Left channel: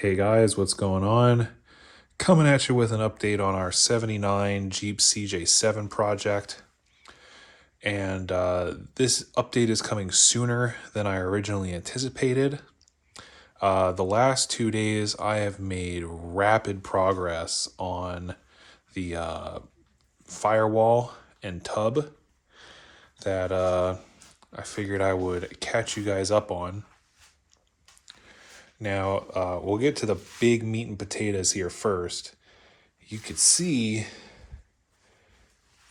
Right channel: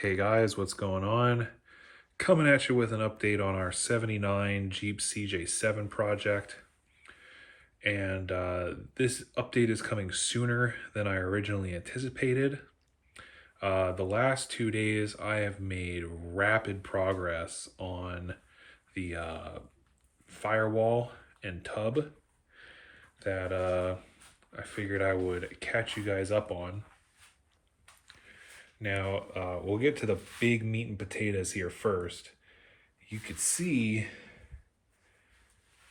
Hey guys, what's going on? Coming at you with an update on our 79 Jeep CJ7 project. And this update is coming sooner than I originally anticipated. The last 2 days, I have made rapid progress on the firewall and tub that I figured I would catch you guys up on. Now, we'll get to the big meat and potatoes here first. You could see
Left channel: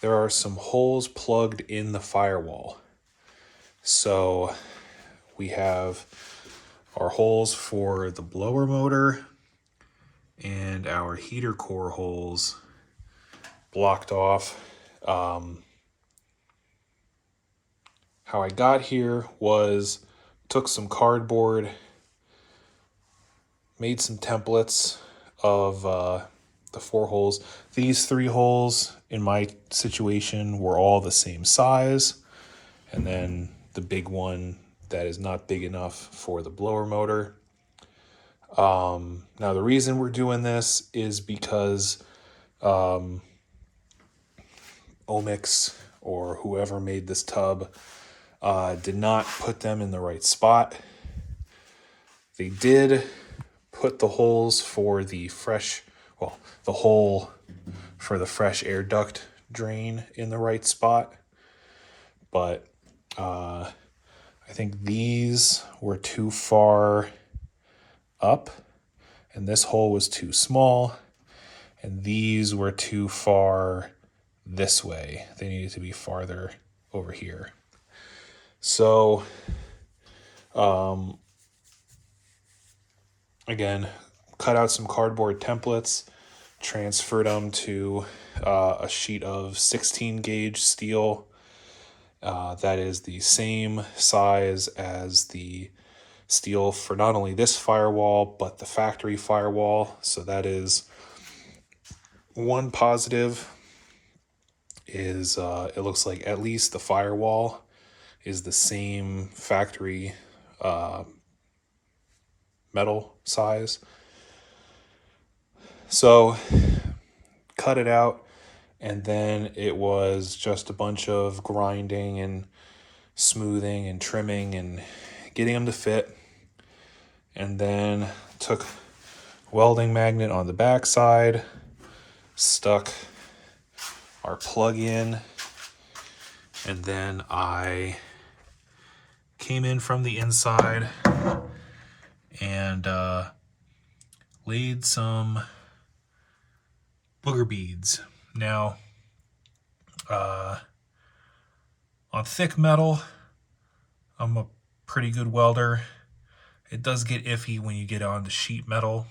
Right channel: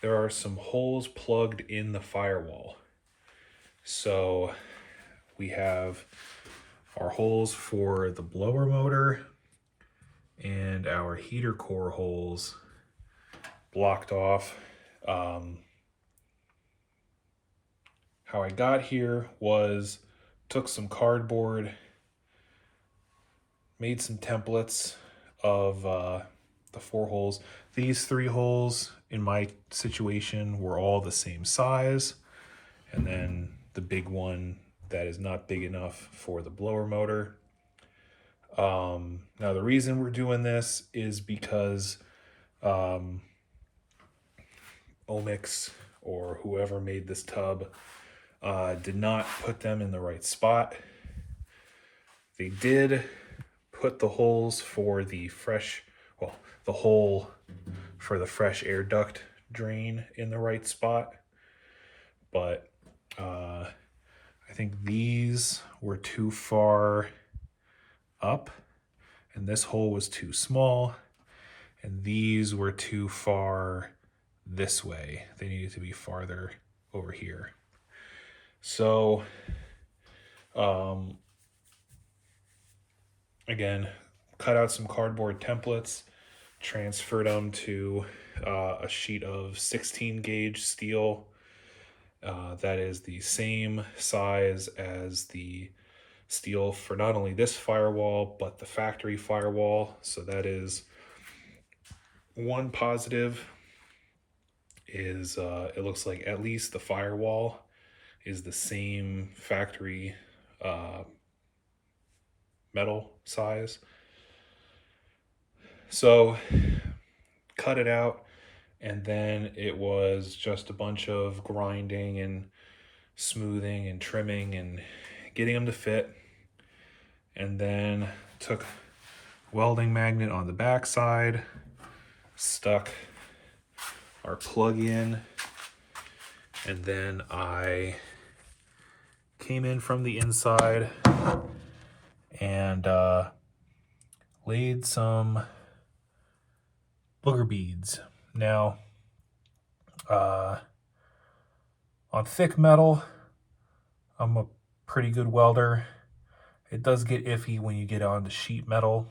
there are some holes plugged in the firewall. So we have our holes for the blower motor and our heater core holes blocked off. How I got here was took some cardboard, made some templates of the 4 holes. These 3 holes in my situation were all the same size. And then the big one that is not big enough for the blower motor. Now the reason we're doing this is because Omix or whoever made this tub did not put them in the right spot. They did put the holes for the the hole for the fresh air duct drain in the right spot, but I think these were too far up and this hole was too small, and these were too far this way. They needed to be farther over here. So again, cut out some cardboard templates, transferred them to a sheet of 16 gauge steel that is the same size as the steel for not only this firewall but the factory firewall. So that is one positive. Is it looks like at least the firewall is the same factory metal size. So cut it out, and then it was just a bunch of grinding and smoothing and trimming and getting them to fit. And then took welding magnet on the back side, stuck our plug in, and then I came in from the inside and laid some booger beads. Now, on thick metal, I'm a pretty good welder. It does get iffy when you get on the sheet metal,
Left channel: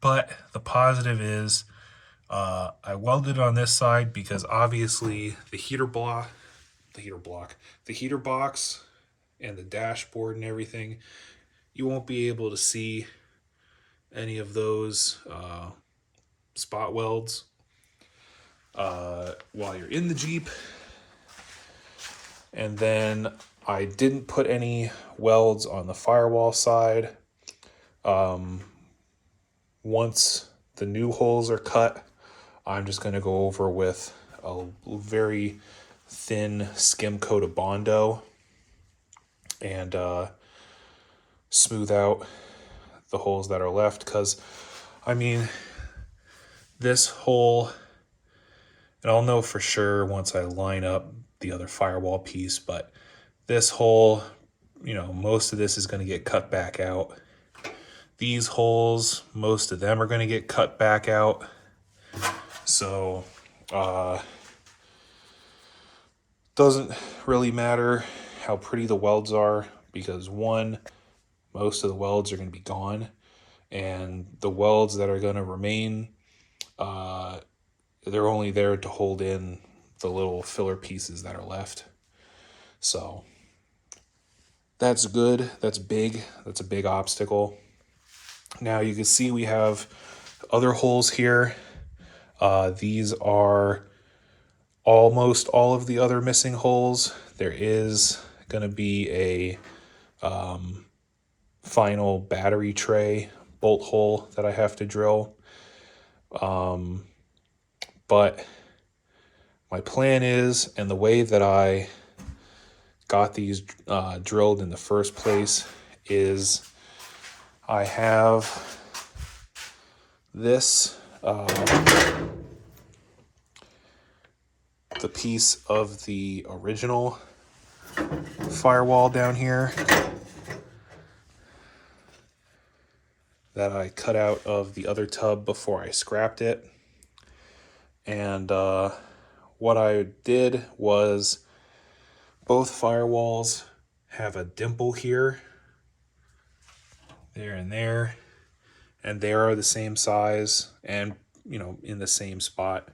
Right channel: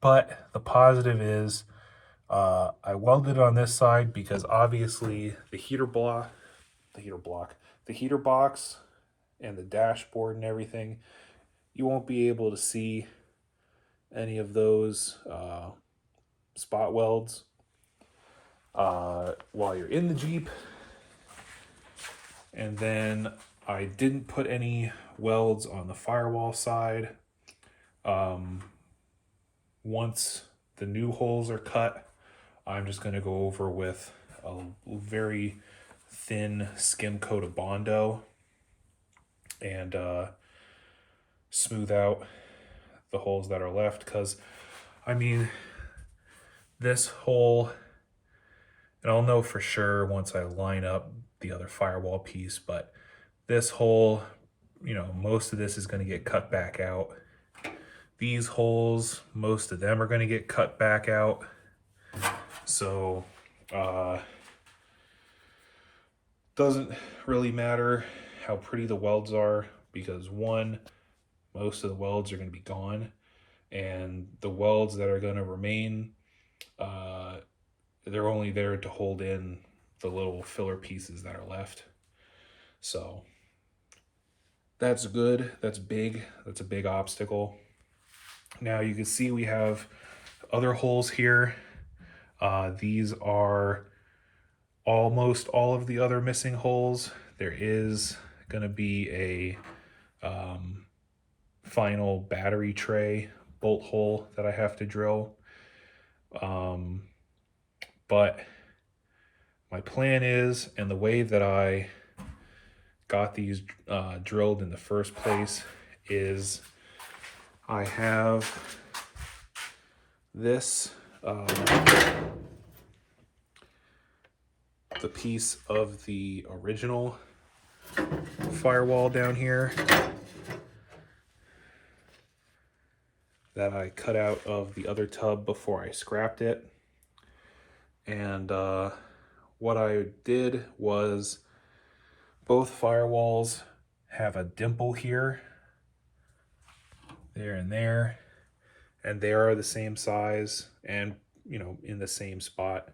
but the positive is I welded on this side because obviously the heater box, and the dashboard and everything, you won't be able to see any of those spot welds while you're in the Jeep. And then I didn't put any welds on the firewall side. Once the new holes are cut, I'm just going to go over with a very thin skim coat of Bondo and smooth out the holes that are left. Because, I mean, this hole, and I'll know for sure once I line up the other firewall piece, but this hole, you know, most of this is going to get cut back out. These holes, most of them are going to get cut back out. So, doesn't really matter how pretty the welds are, because one, most of the welds are going to be gone, and the welds that are going to remain, they're only there to hold in the little filler pieces that are left. So that's good. That's big. That's a big obstacle. Now you can see we have other holes here. These are almost all of the other missing holes. There is going to be a final battery tray bolt hole that I have to drill. But my plan is, and the way that I got these drilled in the first place, is I have this, the piece of the original firewall down here that I cut out of the other tub before I scrapped it. And what I did was, both firewalls have a dimple here, there and there, and they are the same size and, you know, in the same spot.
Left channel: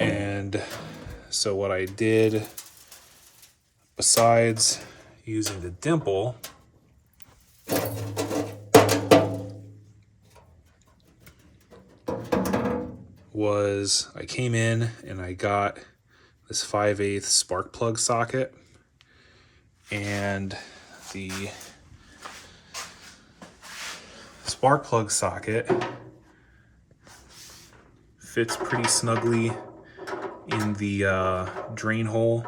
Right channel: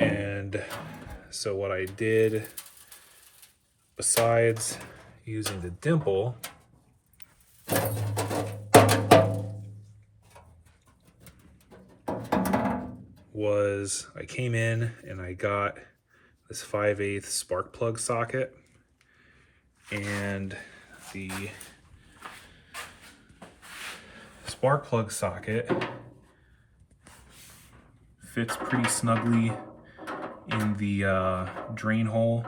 And so what I did, besides using the dimple, was I came in and I got this 5/8 spark plug socket, and the spark plug socket fits pretty snugly in the drain hole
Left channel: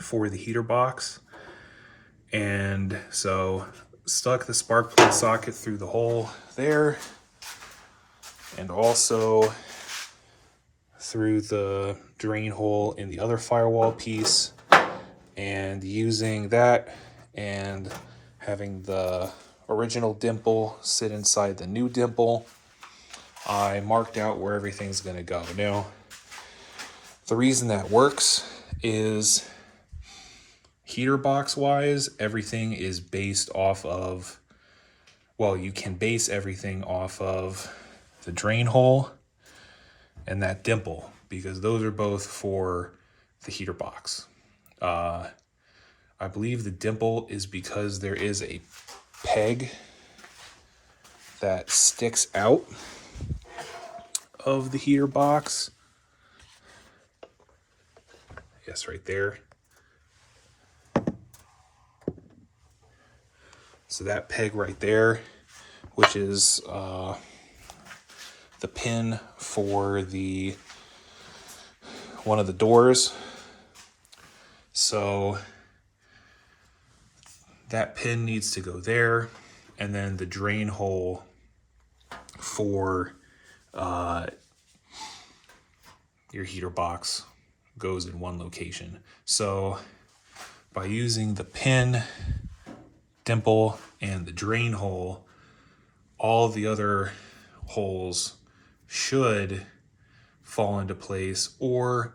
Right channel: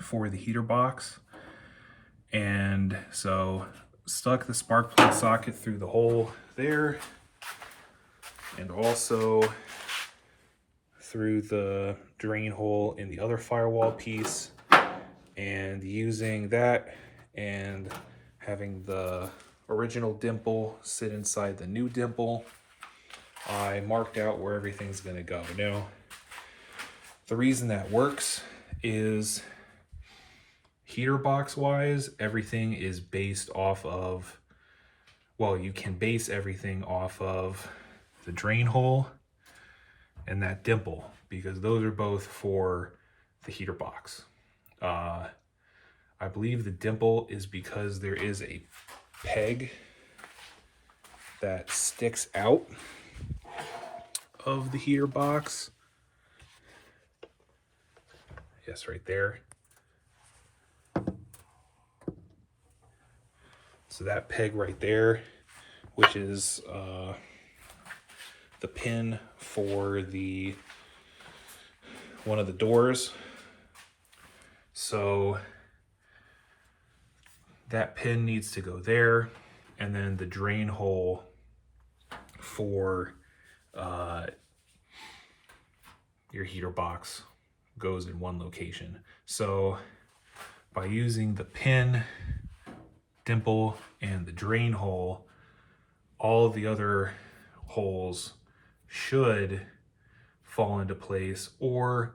for the heater box. And so stuck the spark plug socket through the hole there, and also through the drain hole in the other firewall piece. And using that and having the original dimple sit inside the new dimple, I marked out where everything's going to go. Now, the reason that works is, heater box wise, everything is based off of, well, you can base everything off of the drain hole and that dimple, because those are both for the heater box. I believe the dimple is because there is a peg that sticks out of the heater box. Yes, right there. So that peg right there, which is the pin for the one of the doors. So that pin needs to go there, and then the drain hole for your heater box goes in one location. So by using the pin, dimple, and the drain hole, all the other holes should fall into place or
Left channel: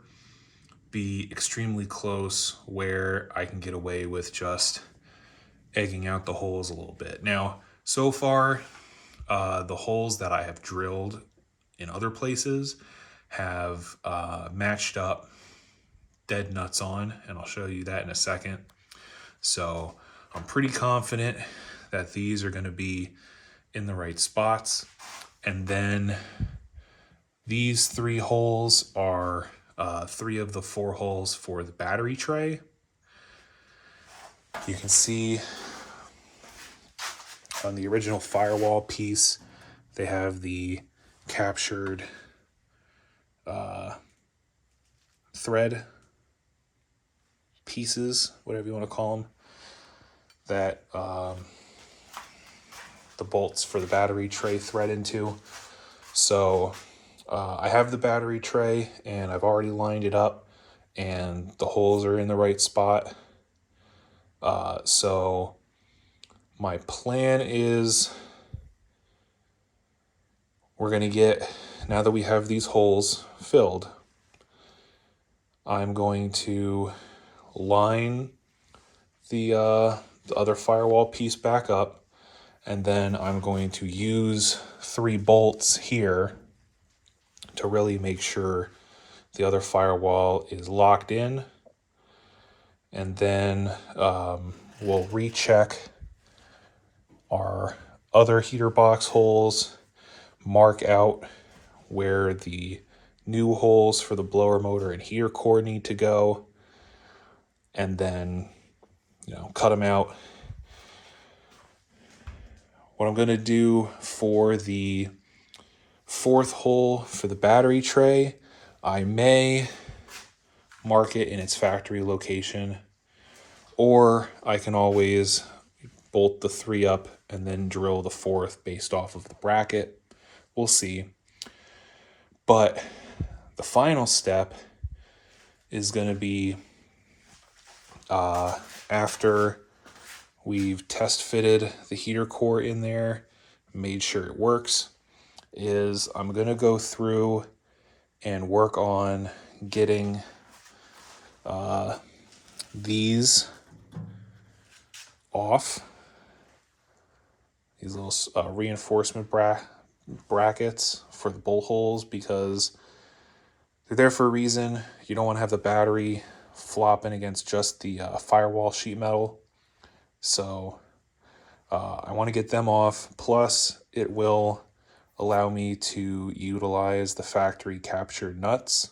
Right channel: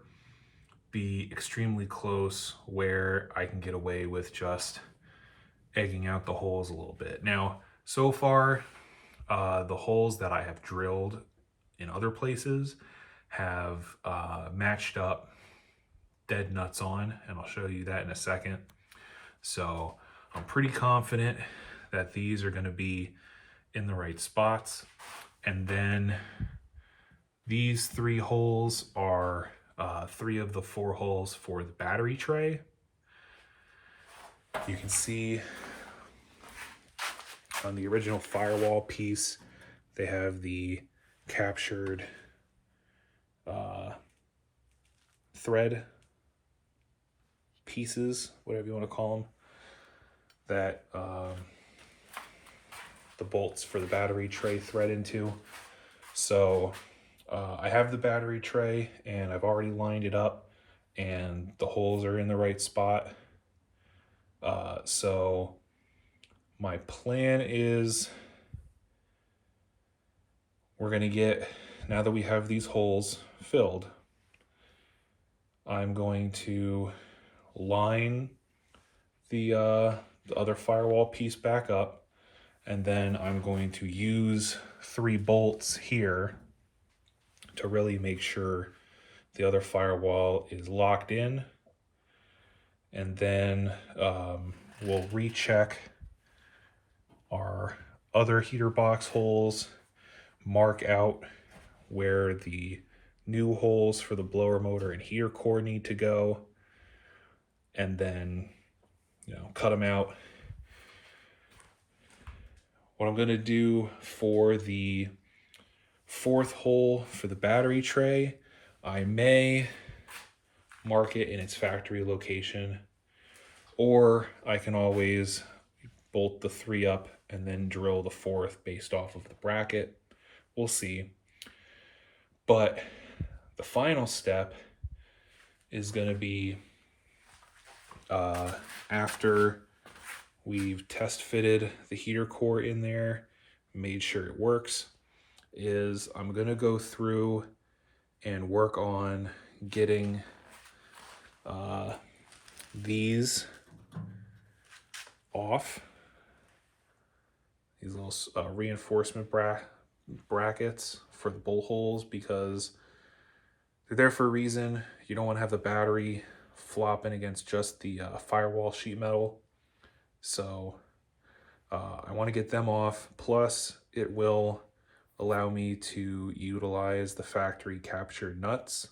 be extremely close where I can get away with just egging out the holes a little bit. Now, so far, the holes that I have drilled in other places have matched up dead nuts on, and I'll show you that in a second. So I'm pretty confident that these are going to be in the right spots. And then these 3 holes are 3 of the 4 holes for the battery tray. You can see on the original firewall piece, they have the captured thread pieces, whatever you want to call them, that the bolts for the battery tray thread into. So I have the battery tray and I've already lined it up and the holes are in the right spot. So my plan is, we're going to get, now that we have these holes filled, I'm going to line the other firewall piece back up, and then I'm going to use 3 bolts here to really make sure the other firewall is locked in. And then we'll recheck our other heater box holes, mark out where the new holes for the blower motor and heater core need to go, and then, you know, cut them out What I'm going to do for the fourth hole for the battery tray, I may mark it in its factory location, or I can always bolt the 3 up and then drill the 4th based off of the bracket. We'll see. But the final step is going to be after we've test fitted the heater core in there, made sure it works, is I'm going to go through and work on getting these off, these little reinforcement brackets for the bolt holes, because they're there for a reason. You don't want to have the battery flopping against just the firewall sheet metal. So I want to get them off. Plus, it will allow me to utilize the factory captured nuts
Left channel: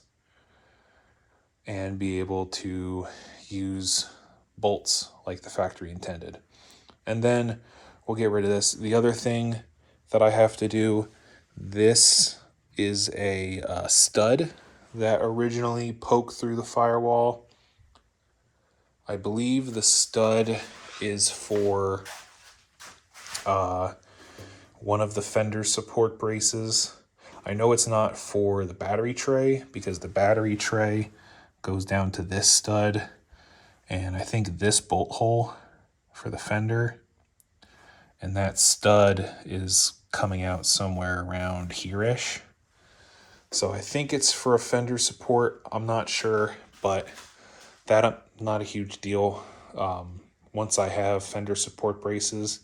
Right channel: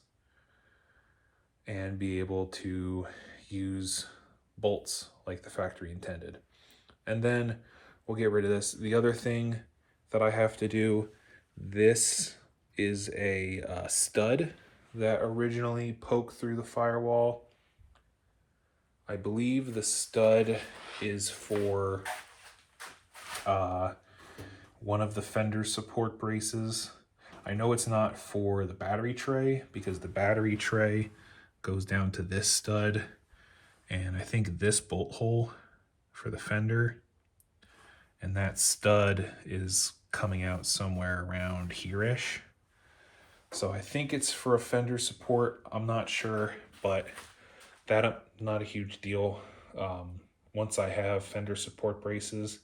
and be able to use bolts like the factory intended. And then we'll get rid of this. The other thing that I have to do, this is a stud that originally poked through the firewall. I believe the stud is for one of the fender support braces. I know it's not for the battery tray, because the battery tray goes down to this stud, and I think this bolt hole for the fender, and that stud is coming out somewhere around here-ish. So I think it's for a fender support. I'm not sure, but that not a huge deal. Once I have fender support braces,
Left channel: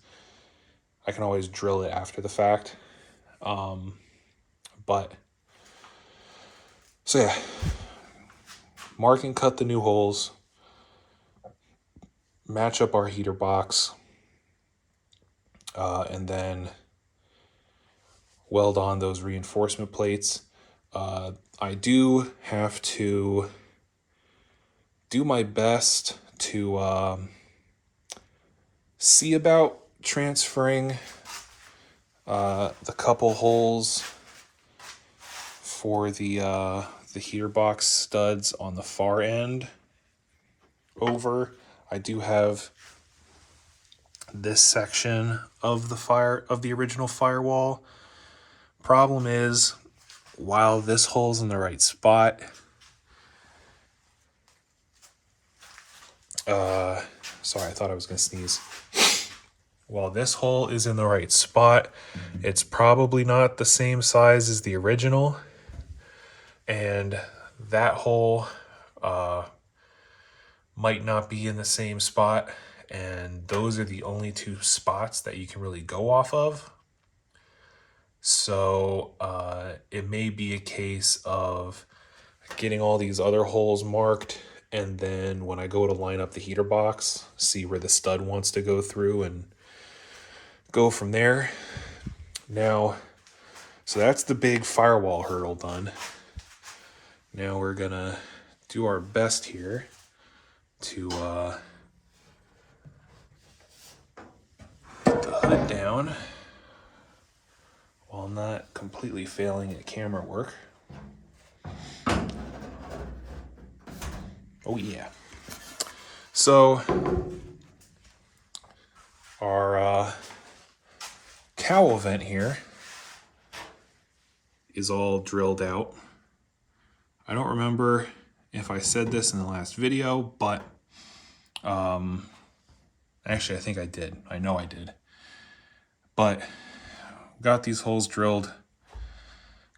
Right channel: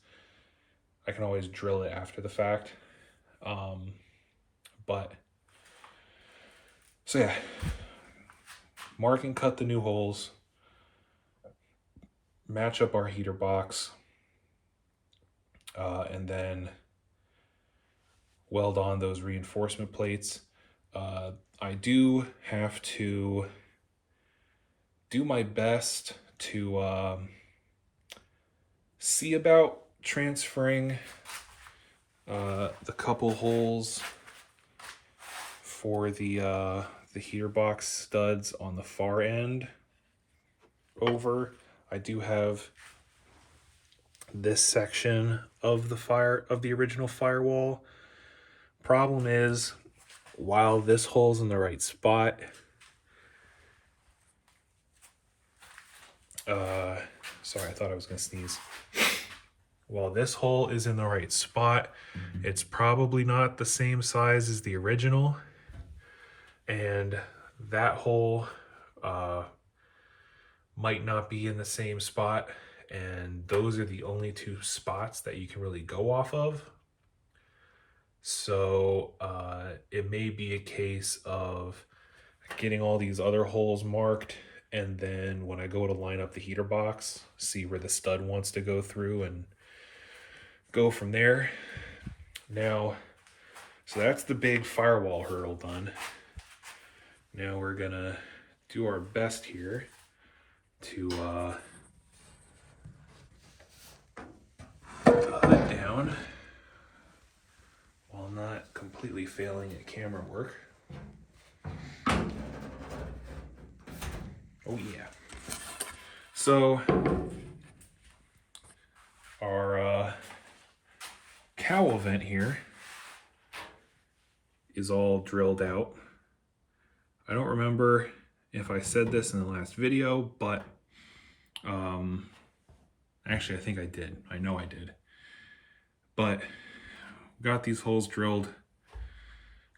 I can always drill it after the fact. So yeah, mark and cut the new holes, match up our heater box, and then weld on those reinforcement plates. I do have to do my best to see about transferring the couple holes for the heater box studs on the far end over. I do have this section of the original firewall. Problem is, while this hole's in the right spot, sorry, I thought I was gonna sneeze. While this hole is in the right spot, it's probably not the same size as the original, and that hole might not be in the same spot, and those are the only 2 spots that you can really go off of. So it may be a case of getting all these other holes marked, and then when I go to line up the heater box, see where the stud wants to go through and go from there. Now, so that's the big firewall hurdle done. Now we're gonna do our best here to put the hood down while not completely failing at camera work. Oh yeah. So our cowl vent here is all drilled out. I don't remember if I said this in the last video, but actually I think I did. I know I did. But got these holes drilled,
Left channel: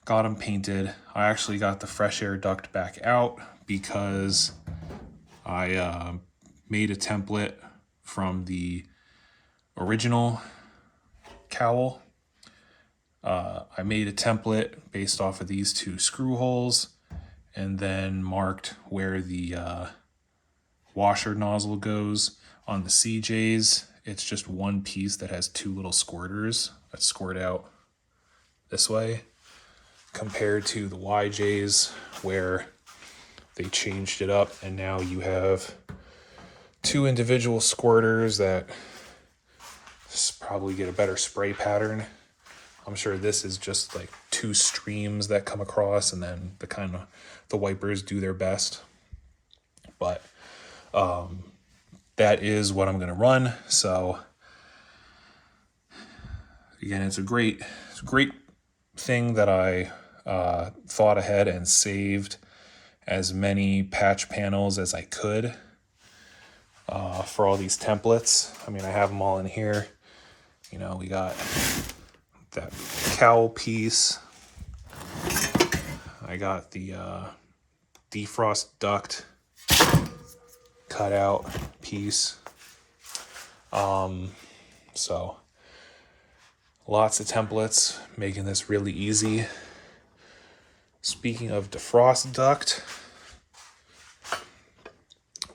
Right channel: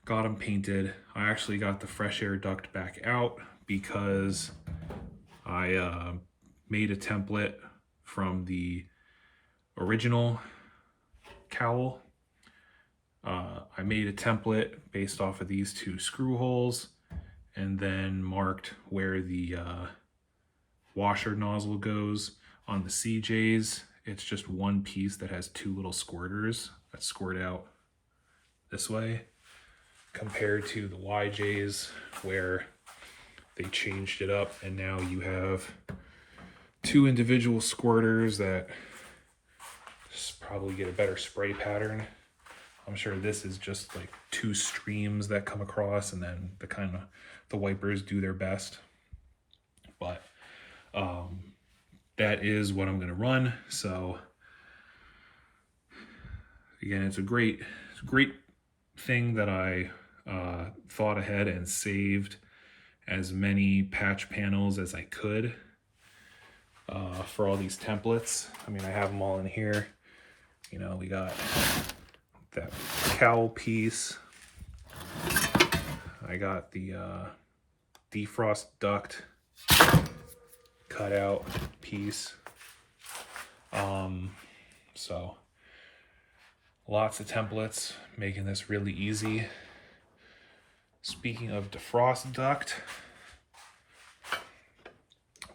got them painted. I actually got the fresh air duct back out because I made a template from the original cowl. I made a template based off of these 2 screw holes, and then marked where the washer nozzle goes. On the CJs, it's just one piece that has 2 little squirters that squirt out this way, compared to the YJs where they changed it up, and now you have 2 individual squirters that probably get a better spray pattern. I'm sure this is just like 2 streams that come across, and then the wipers do their best. But that is what I'm gonna run. So again, it's a great thing that I thought ahead and saved as many patch panels as I could for all these templates. I mean, I have them all in here. You know, we got that cowl piece. I got the defrost duct cutout piece. So lots of templates, making this really easy. Speaking of defrost duct,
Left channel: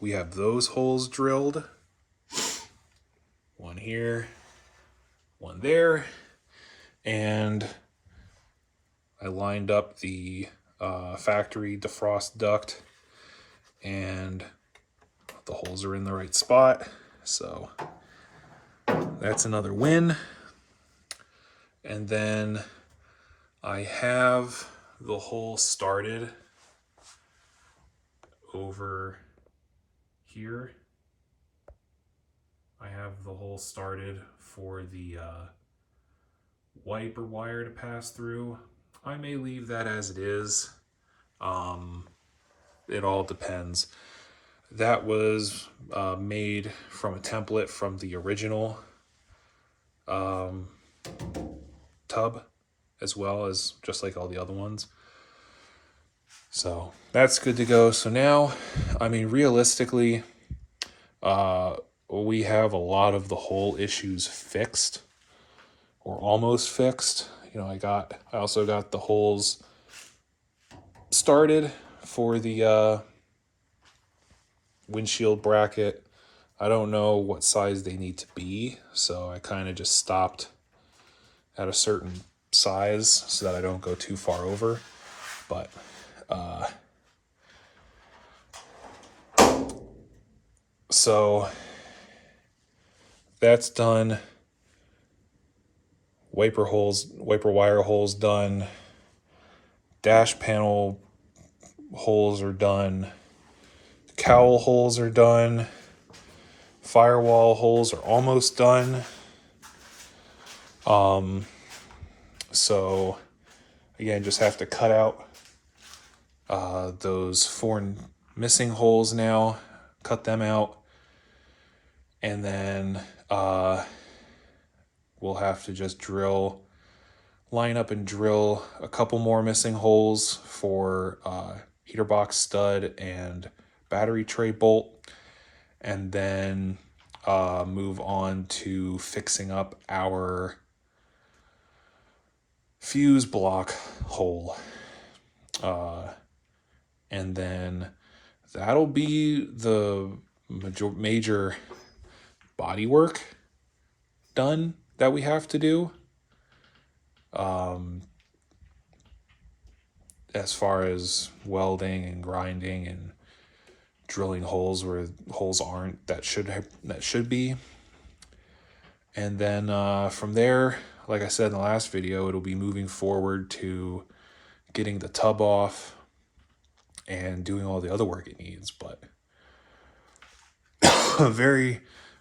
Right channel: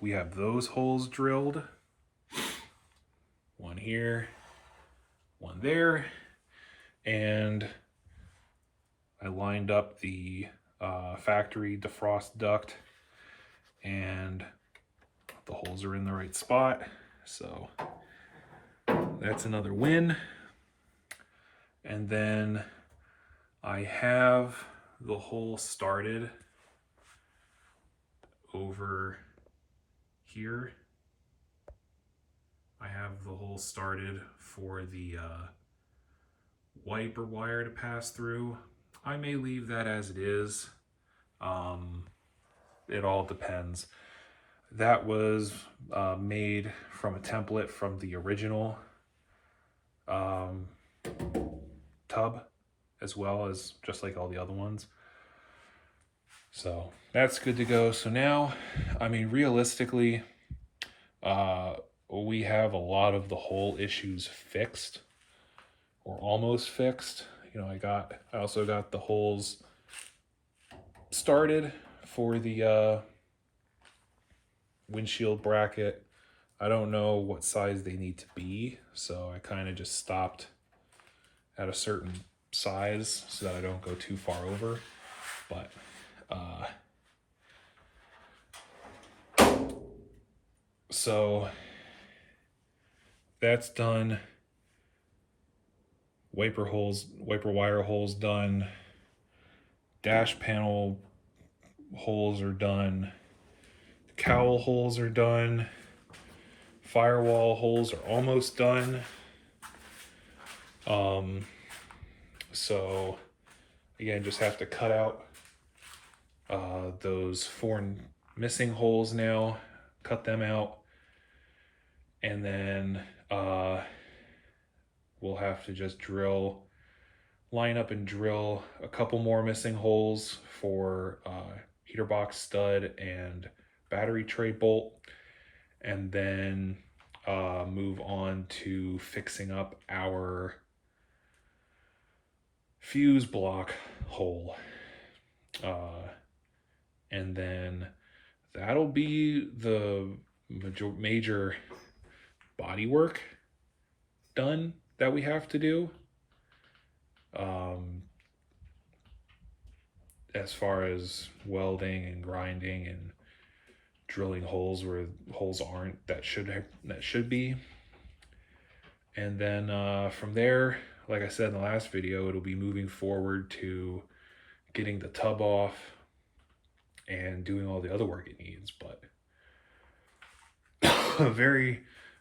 we have those holes drilled. One here, one there, and I lined up the factory defrost duct, and the holes are in the right spot. So that's another win. And then I have the hole started over here. I have the hole started for the wiper wire to pass through. I may leave that as it is. It all depends. That was made from a template from the original tub, as well as just like all the other ones. So that's good to go. So now, I mean, realistically, we have a lot of the hole issues fixed, or almost fixed. You know, I also got the holes started for the windshield bracket. I don't know what size they need to be, so I kind of just stopped at a certain size so that I don't go too far over. But so that's done. Wiper wire holes done. Dash panel holes are done. Cowl holes are done. Firewall holes are almost done. So again, just have to cut out those 4 missing holes now, cut them out, and then we'll have to just line up and drill a couple more missing holes for heater box stud and battery tray bolt, and then move on to fixing up our fuse block hole. And then that'll be the major body work done that we have to do. As far as welding and grinding and drilling holes where holes aren't that should be. And then from there, like I said in the last video, it'll be moving forward to getting the tub off and doing all the other work it needs. But very,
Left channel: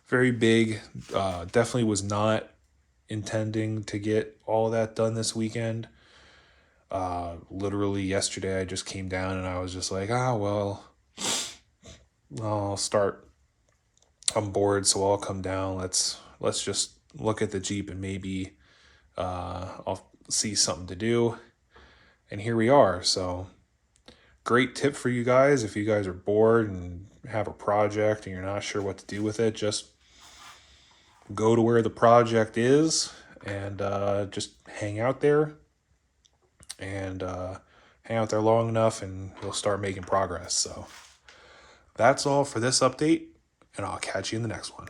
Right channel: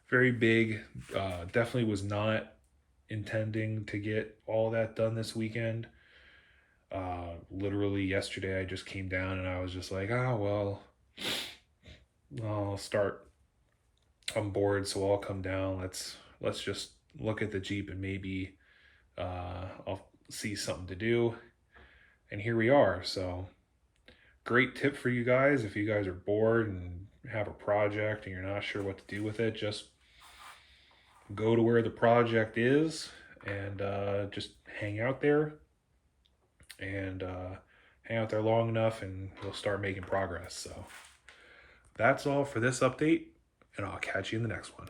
very big. Definitely was not intending to get all that done this weekend. Literally yesterday I just came down and I was just like, well, I'm bored, so I'll come down. Let's just look at the Jeep and maybe I'll see something to do. And here we are. So great tip for you guys. If you guys are bored and have a project and you're not sure what to do with it, just go to where the project is and just hang out there. And hang out there long enough and you'll start making progress. So that's all for this update, and I'll catch you in the next one.